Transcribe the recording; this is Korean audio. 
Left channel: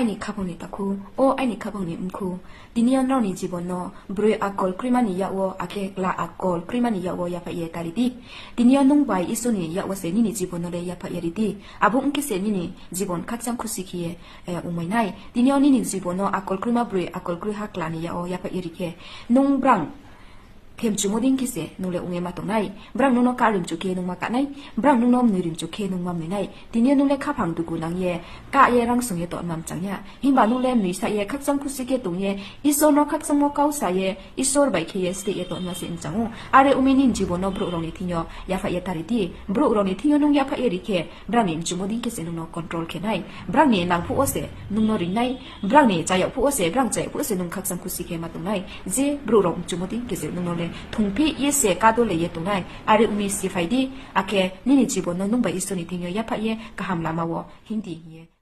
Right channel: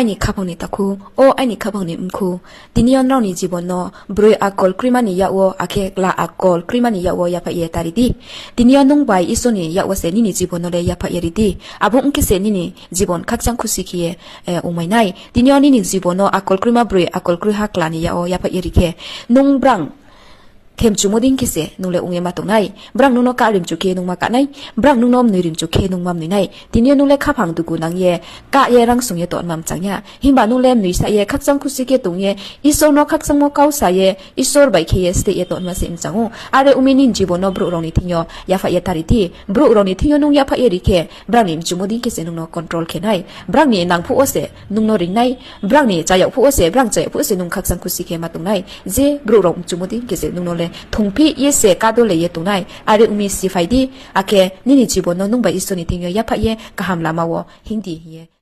아니 카방니 타쿠 오 아니 카방니 음쿠 디니언 라우니 지본노 브로이 아콜 크리마니 야오 아케 라 아콜 크리마니 야오 야파예 타리디 디니언 농바이 이소니 야오세 니니 지본노레 야파예리디 아부 웅케세 니니 지본 각장 쿠시키에 오마이나이 디니언 니니 지본노 아콜 크리마 브로이 아콜 크리하 클라니 야오 야파예리케 농브랑 thêm chú mô đinh kia sẽ nung lệ ung mà tổ này brang nung nó cả rim chú kia nung mà cả này brang nung nom nui rim chú kia nung mầm nui này thì nhiều nung lệ khắp hàng tụ cụ nang ye cả ye rang sung ye tọt mầm chẳng nhá him bà nung lệ nui sa ye khắc sang kusi kia tung ye isor nó khắc sang mô cao sa ye isor bảy kia ste ye tọt mà xem chẳng ô are uminin jibon nó brouh rong ni thingyo yaphai ye tari thi brouh rong ni thingyo nung yaphai ye ri khe brang ni chú mô đinh kia sẽ nung nó control khe này brang ni nang phu o se nung nó ring này brang ni cha yau phu o se brang cha phu o se nung khắc sang kusi kia mà tung này je brouh rong chú mô đinh kia sẽ nung nó le thongpi yese kadole ye tunai are umi sifaidi ake nini jibon no nungba isoni tingyo yaphai ye kaham lamawo hindi ye